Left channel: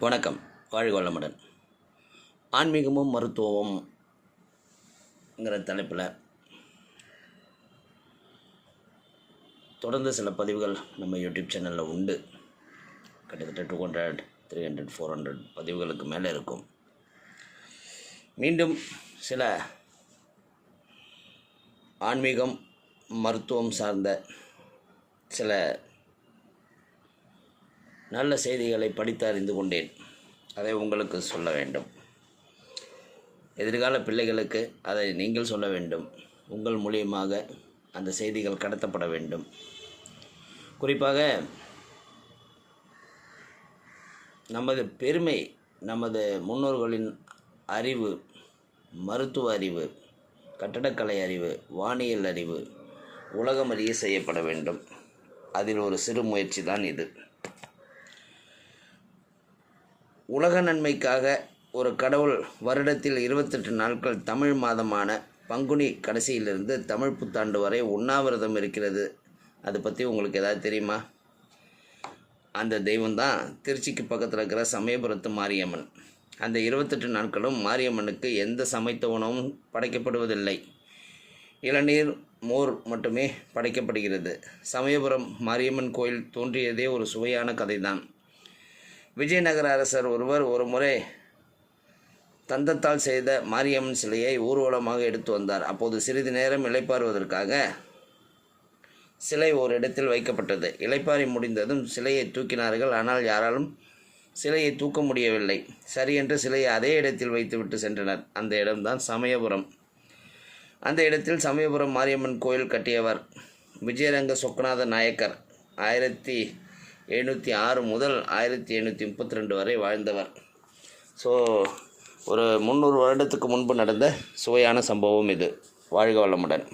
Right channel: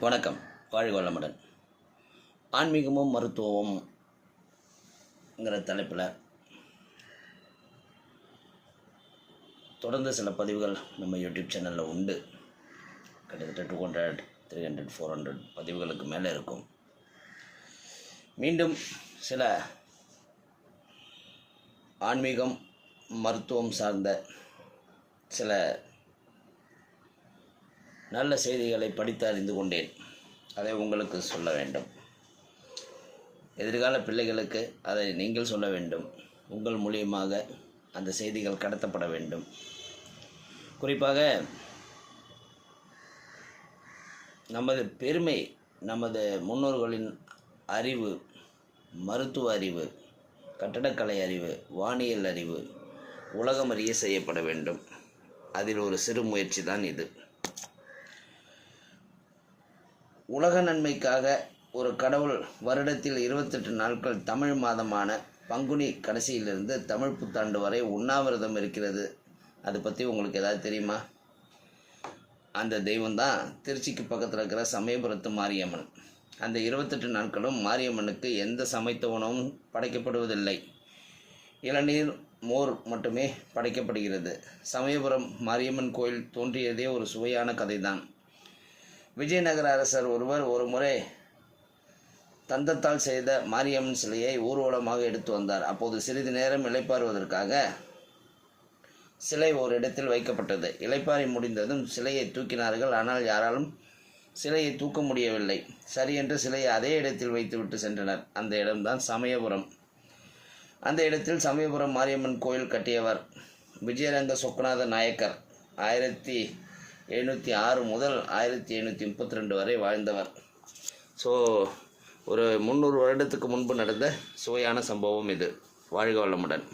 வணக்கம். வாழ்க வளமுடன். ஆன்மீகமும் மருத்துவமும்ங்கிற தலைப்பில் தொடர்ந்து சில பதிவுகள் நம்ம யூடியூப் சேனலில் உண்டு. கிட்டத்தட்ட two hundred three hundred four hundred பதிவுகளுக்கு மேலே இருக்கும். மீண்டும் சில ஆன்மீகம் மருத்துவம் சார்ந்த சில நல்ல செய்திகளை படித்து அறிந்து கொண்டேன். அதை உங்களுக்கு சொல்ல வேண்டும். எதிர்கால பிள்ளைகளுக்கு அதை நீங்கள் சொல்ல வேண்டும். உங்கள் மூலியமாக அந்த செய்திகள் கடத்தப்பட வேண்டும். குறிப்பாக நமது பெருமை நமது முன்னோர்களின் அறிவு மருத்துவ அறிவு கட்டடக்கலை அறிவு வானியல் அறிவு உலகம் அறிய செய்யப்பட வேண்டும். அதில் ஒரு சிறு முயற்சி தான் இது. உலக நன்மைக்காக ஒரு கடவுள் வருடத்தில் இருபத்தெட்டு நாட்கள் தமிழ் மாதமான பங்குனி கடைசியிலிருந்து தமிழ் புத்தாண்டு வரை உண்ணாவிரதம் இருக்கிறது. அதை பற்றி உங்களுக்கு ஏதாவது தெரியுமா? அந்த தெய்வம் தான் திருச்சிக்கு பக்கத்தில் இருக்கிற சமயபுரத்து மாரியம்மன். அந்த இருபத்தெட்டு நாட்களும் மாரியம்மனுக்கு எந்த சமைத்த உணவும் படைக்கப்படுவதில்லை. இளநீர் மோர் மட்டுமே படைக்கப்படுகிறது. சமயபுரம் மாரியம்மன் கோயில் தோன்றியதே ஒரு சுவையான கதைதான். விஜயநகர அரசர் ஒருவர் ஒரு முறை தந்தத்தால் செய்த மாரியம்மன் சிலையை ஊர்வலமாக எடுத்து வந்தார். அப்போது சிறிது நேரம் இளைப்பாறுவதற்காக சிலை ஒரு இடத்தில் வைக்கப்பட்டது. இளைப்பாறி முடிந்ததும் சிலையை தூக்கினார்கள். ஆனால் யாராலும் சிலையை தூக்க முடியவில்லை. சரியென்று சிலையை அதே இடத்தில் வைத்துவிட்டு சென்றனர். அந்த இடம்தான் சமயபுரம். அந்த இடத்தில் சமயபுரம் மாரியம்மன் கோயில் கட்டியவர் விஜயரங்க சொக்கநாத நாயக்கர். ஆயிரத்தி எழுநூற்றி ஆறு முதல் ஆயிரத்தி எழுநூற்றி முப்பத்தி ரெண்டு வரை வாழ்ந்தவர். ஸோ ஒரு முந்நூறு வருடத்துக்கு முன்பு நடந்த சுவையான சம்பவம் இது. வாழ்க வளமுடன்.